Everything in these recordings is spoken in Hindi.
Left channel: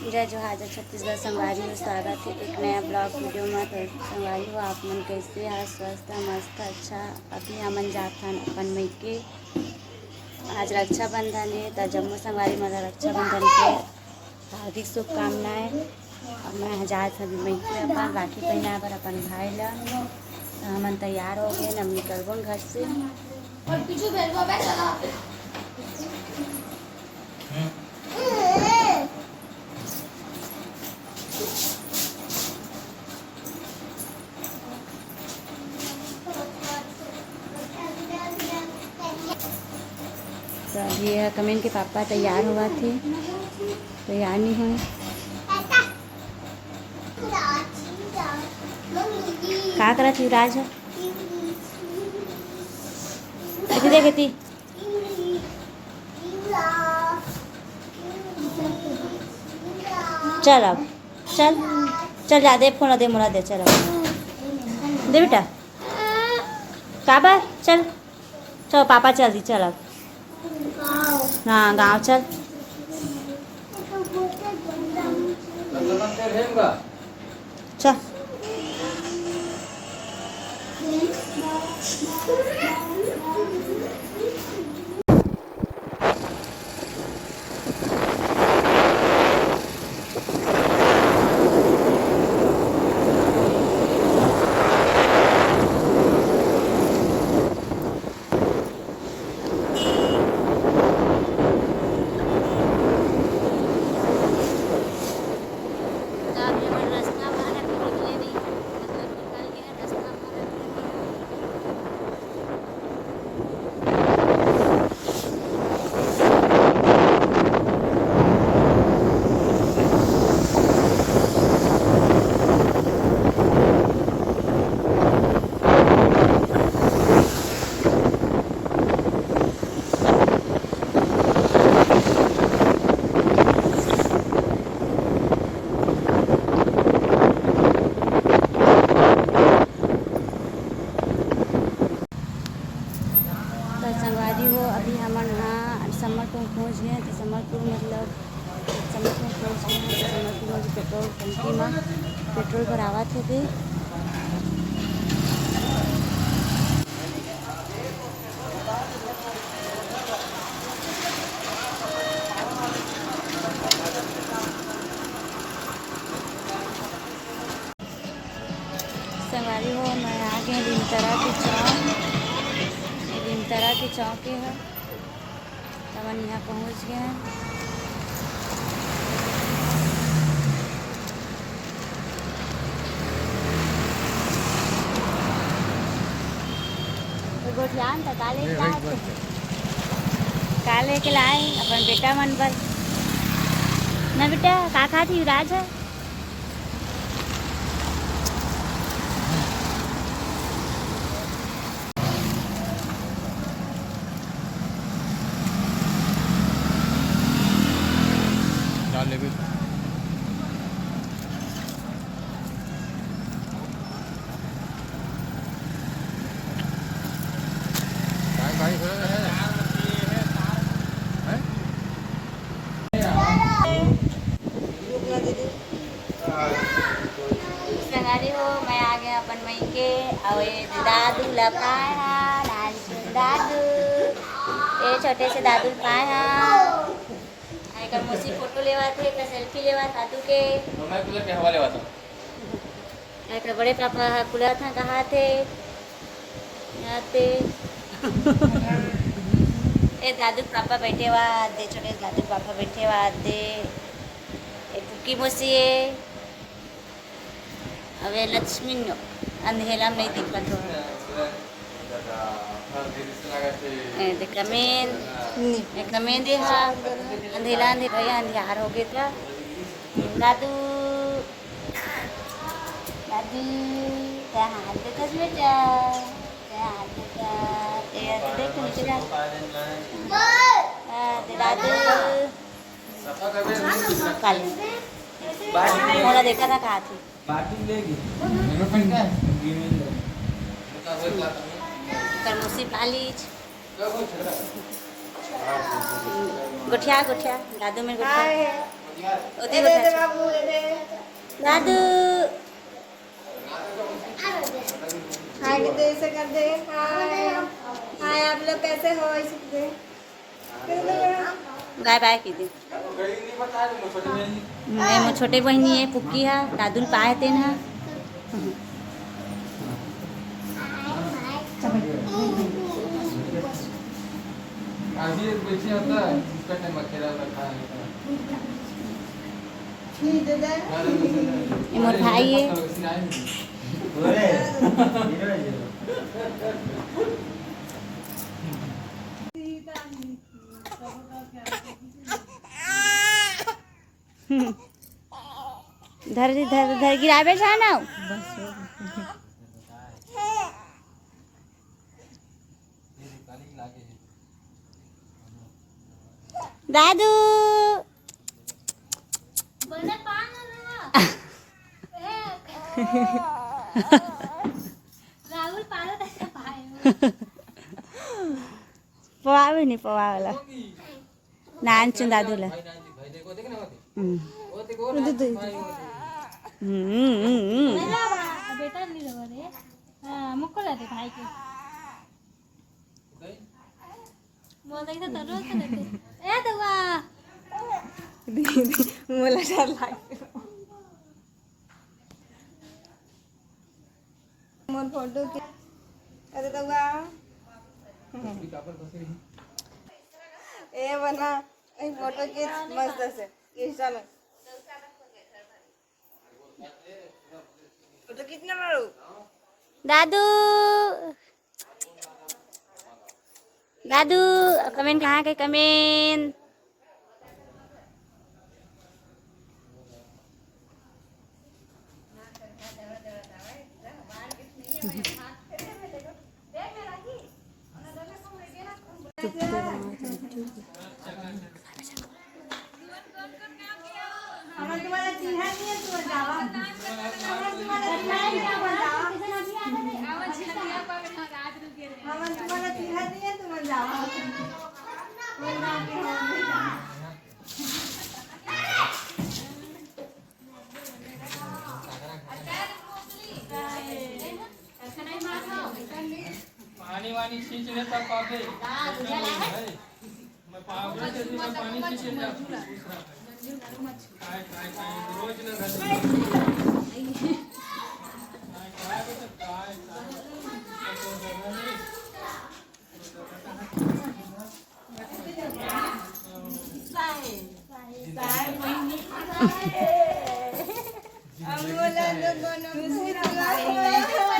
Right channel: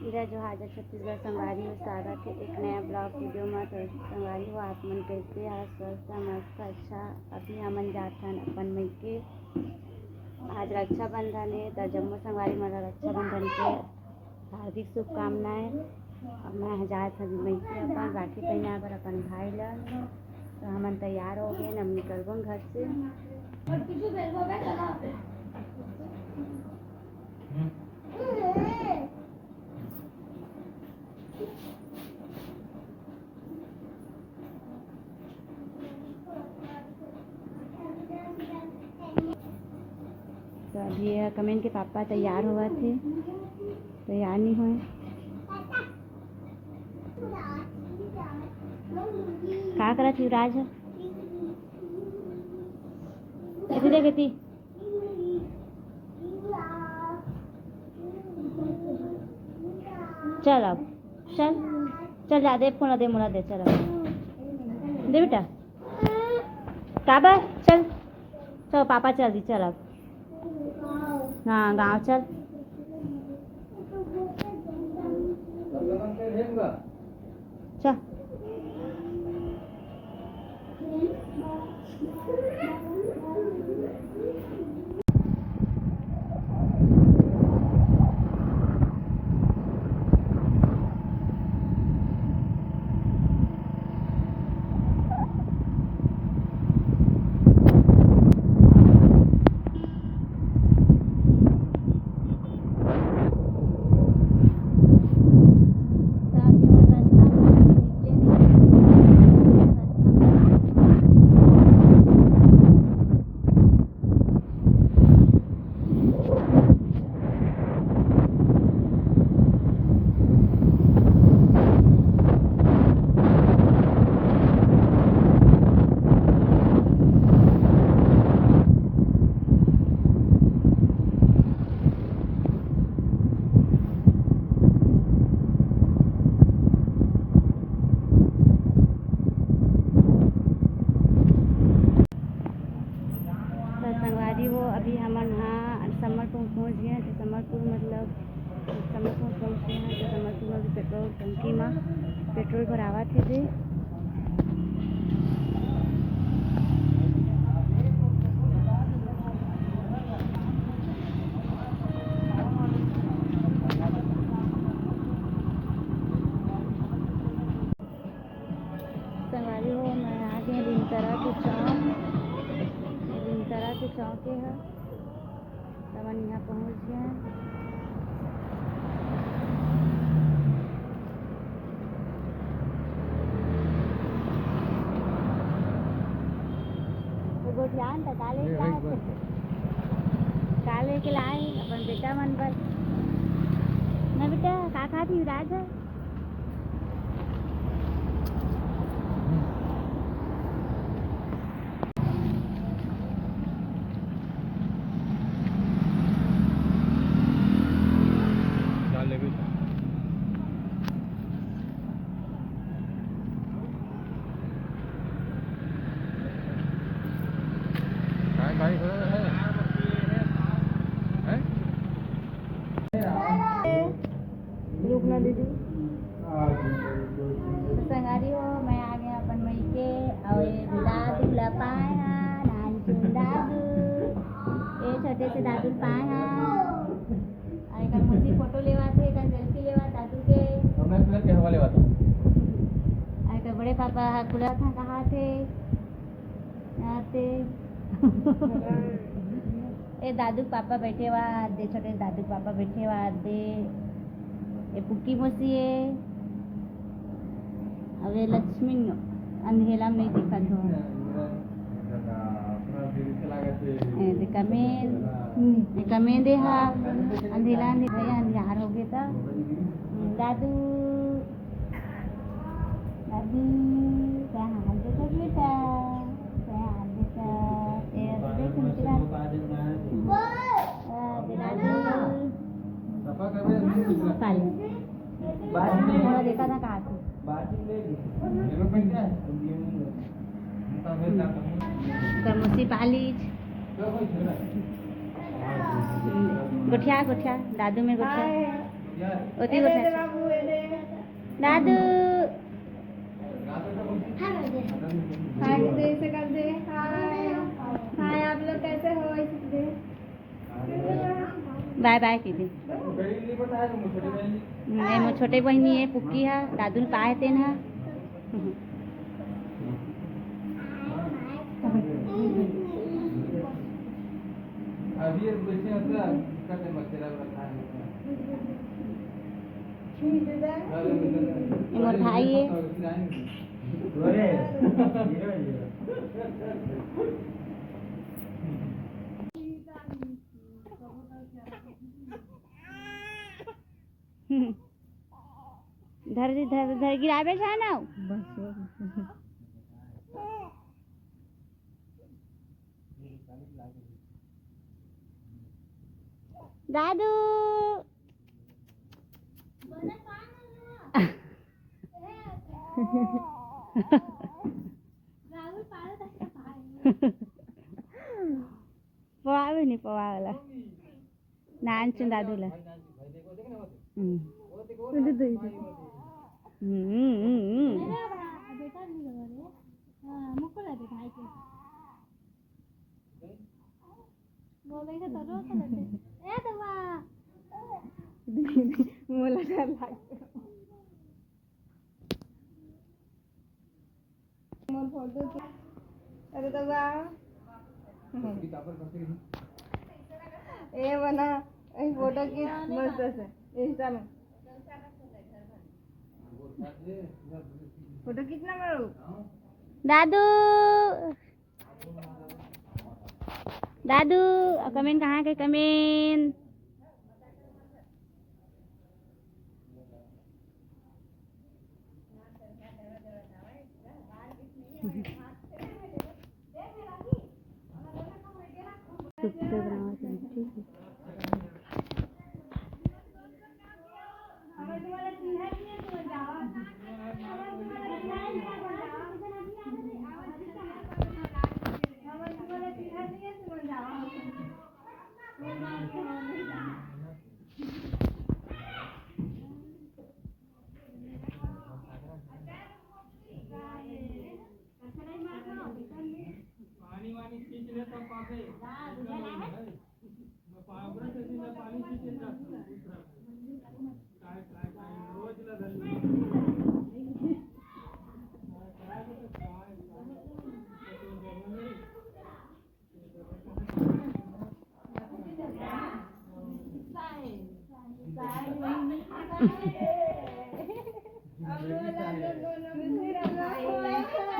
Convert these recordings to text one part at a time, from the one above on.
जय जोहार जय छत्तीसगढ़ संगवारी हो। स्वागत है एक नया ब्लॉग वीडियो में। तो संगवारी हो आप मन कैसे है? स्वस्थ मस्त अच्छा। अभी हमन जाथन अपन मई के आज रक्षाबंधन है। तो जम्मू संगवारी मतलब रक्षाबंधन के हार्दिक शुभकामनाएं। और मैं जात अभी मई के अपन राखी पहना बर अपन भाई ला। तो हमन तैयार हो गए, हम निकलबो घर से। तो अभी कमेंट के पापा तैयार हुआ थे, तैयार नहीं हुए। क्या करा थी राज? ऐसे देखती चल अब चल चल जा दे फोन दे मोला दे चल अब दे बेटा काबा चल चल पापा चल दी चल अब हाँ गाँव चल। चल संगवारी हो अभी हमन हाँ समरपुर पहुँच गए हैं। तो समरपुर मतलब समरपुर पहुँच गए हैं। तो समरपुर में पेट्रोल टंकी में पेट्रोल भरावा थे। संगवारी हो मैं आ गए नीमतरा के चौक। नीमतरा के चौक है तब हम यहाँ पहुँच गए हैं। तो गोठियान था काले के लाए अपन बेटा मन पर ना बेटा का खा थी राज है भाई है संगारी हो मैं आ गया अपन मई के और दादू लपाए दादू ये छोटे से दादू पाए हैं का मुसी फोटो लेवा थे का सेल्फी लेवा दादू के मैं कूलर के हवा लेवा था का बड़े पापा कूलर था कहाँ थे यहाँ थे ए दादू पापा बैठे हुआ दे छोटे दादू पापा बैठे हुआ दे ए पुक्की मोसी है अबे लक्ष्मी अंधेला में नहीं दिखा तो कमें दे हा अंधेला भैया अंधियार हो गया था। दादू दादी क्या हाल देता बेटा क्या हाल देता देख नीचे दादू मोला देखा था कहाँ थी करमोसी पालीज गोठिया गोठिया दादू में गोठिया ओती बता दादू हाय कितने ऐसे कर दे हाय हाय आप लोग कैसे हो ऐसे दे बाय बाय की दे मैं मोर छोटे बहनी है पुक्की है दादुल पाए तेन है अभी एक बेचे होता है उसका टाइम अकेला रखा है ठीक है दे ये मोर भाई है धर धर धर गिराबे जाना दादू राहुल पालो तक पाए पवावे नहीं पवावला नानचून दादूला बेटा नहीं रहो रे हां मुक्को लाते भाई के बोल दे तो रोज करते ए दवा मला डर लागते मोर फोटो के अरे दवा ए बना ए फोटो की मस्त से इंस्टा में फोटो कितना मारू दादू दादू कमेंट कहाँ के कमेंट तुम्हाला चिन्हा नहीं है तुम जावा तुम्हाला चिन्हा नहीं है तुम जावा पानी वानी खींच लेता पापे मैं पावड़े से मैं पानी खींच लेता काय काय काय रोज ना घर काय काय बेटा काय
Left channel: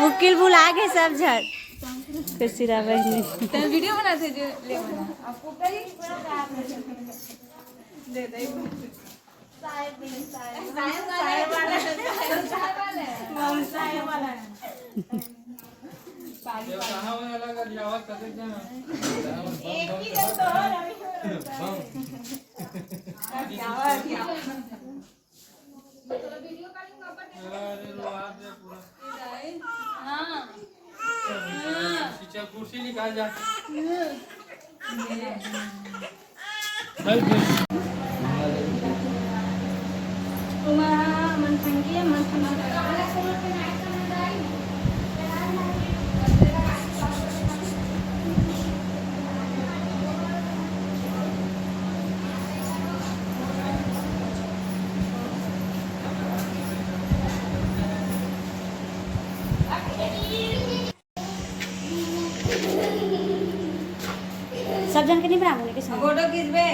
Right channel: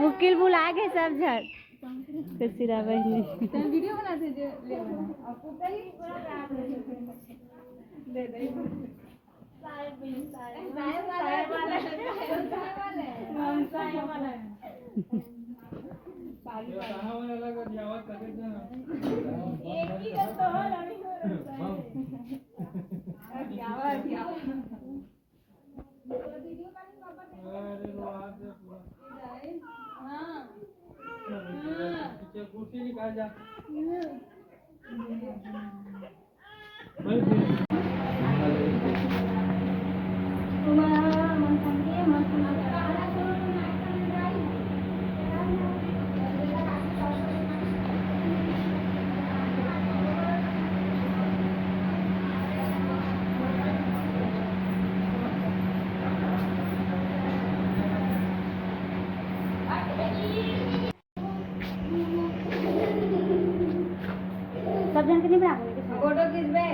मुकिल बुला के सब झट फिर सिरा बहनी वीडियो बनाते जो ले बना आपको कहीं दे दे साहेब वाला साहेब वाला ये कहां वाला का आवाज करते क्या एक ही तो हो रवि अरे रोआत है पूरा हां पीछे कुर्सी निकाल जा मन संगे मन सब जन के नहीं बनाऊंगी के साथ फोटो खींचबे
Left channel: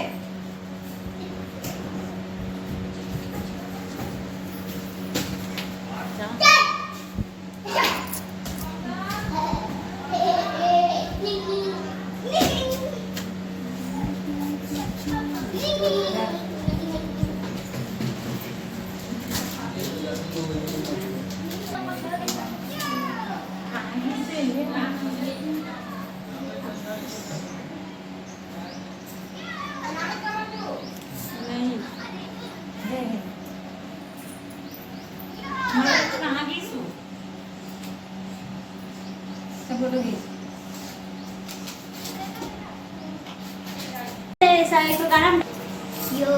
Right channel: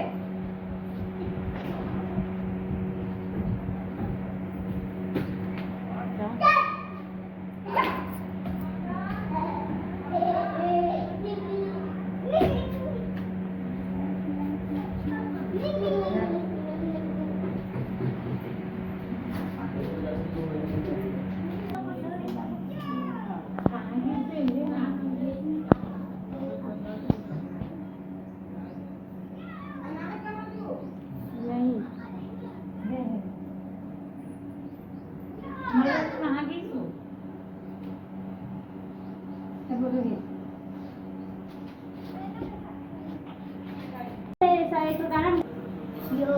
फोटो खींच ऐसा एक गाना यो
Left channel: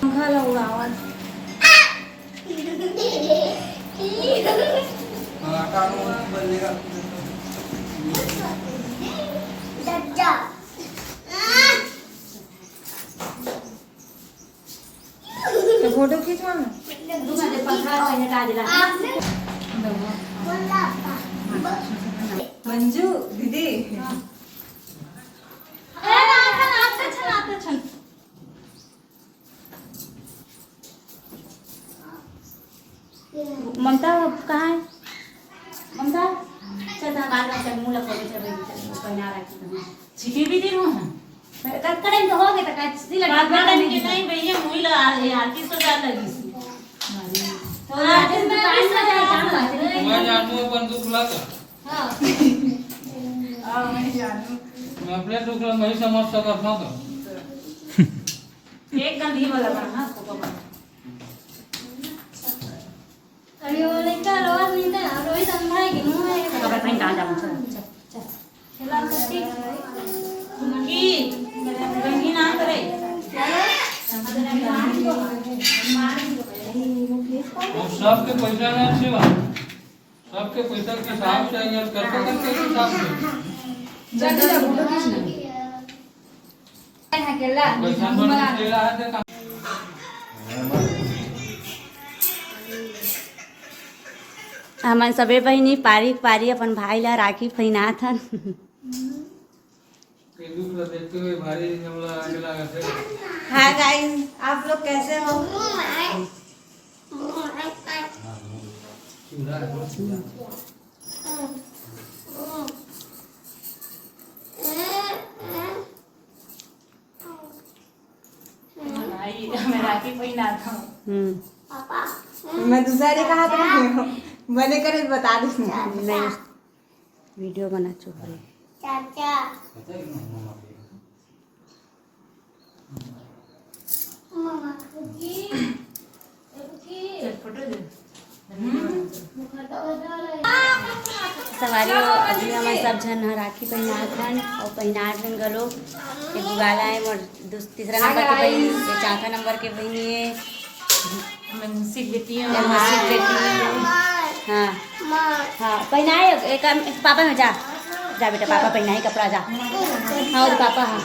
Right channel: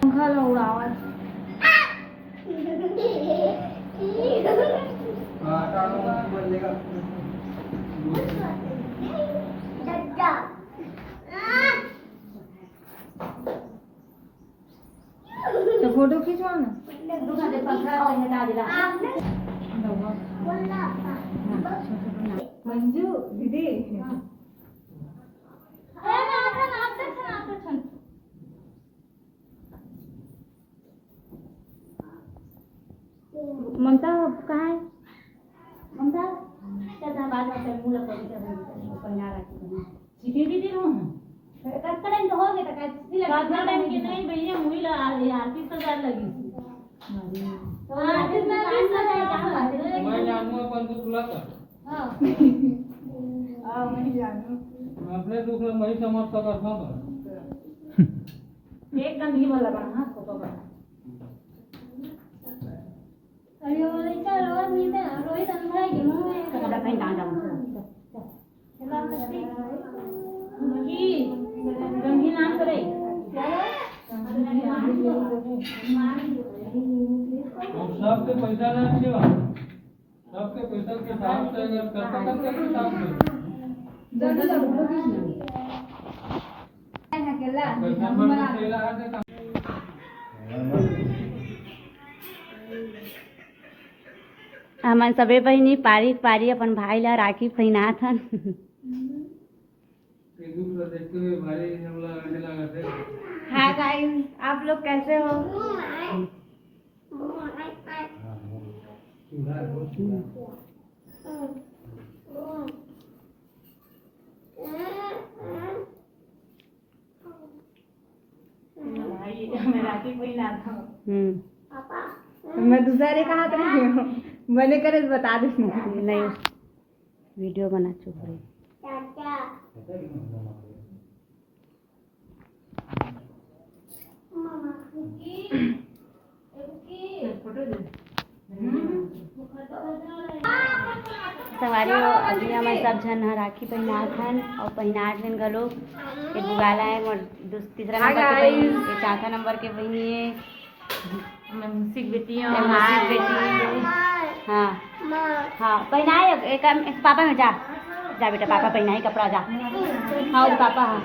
पंखा लगाओ। तो फोटो खींचवा ना। मंजू दीदी ममता कहाँ है? ममता चल ना बाल बाल मुँह लगा के चल पहना रखी तो छिपी भी दिन हो करें तो हो गए तो कैसे बात बात के नहीं भैया मुई ला आरती तो जा लगी सी तो आरती में पास में जाए मैं जानू अपन दुखला का हां आओ मैं जानू। मैं अपने दुखला नहीं समझ सकता था एक गंधी वाला बना को बाबा अरे वो लड़का रोज नहीं था रोहित अंधा है कि मुंह है कपड़ा पहन कहां जाऊं चल चल खेला सकती की गंगी नाम करे और सबके पैसा नहीं अच्छे बात सबके पैसा के हिसाब से यार करके हिसाब से जल्दी जा फोटो खींचना है केला पैसा बड़ा तेरा है तो हमन सबे बहिनी पारी पारी अपन भाई ला राखी पहनात हन के दुख देखते हुए भारी हमला आगे लगा थे हाँ गाइस आप लोग कैसे हो? भाई मैं राखी पहना था मैं दूसरे कहा था मैंने करे बता दी नहीं वीडियो बना चुप रही सवारी अभी हमारे सब झन ह राखी पहनात हन और पहनात हन गलो एक बुगाला है मोर तीसरा नंबर के बहनी एक चौथा नंबर के बहनी है मैं मुसिक बेटी एक हूं मौसी की बेटी है हाँ हाँ पहनाए एक पापा में जा जा बेटा पापा पहनाए कपड़ा जा हाँ और पापा हाँ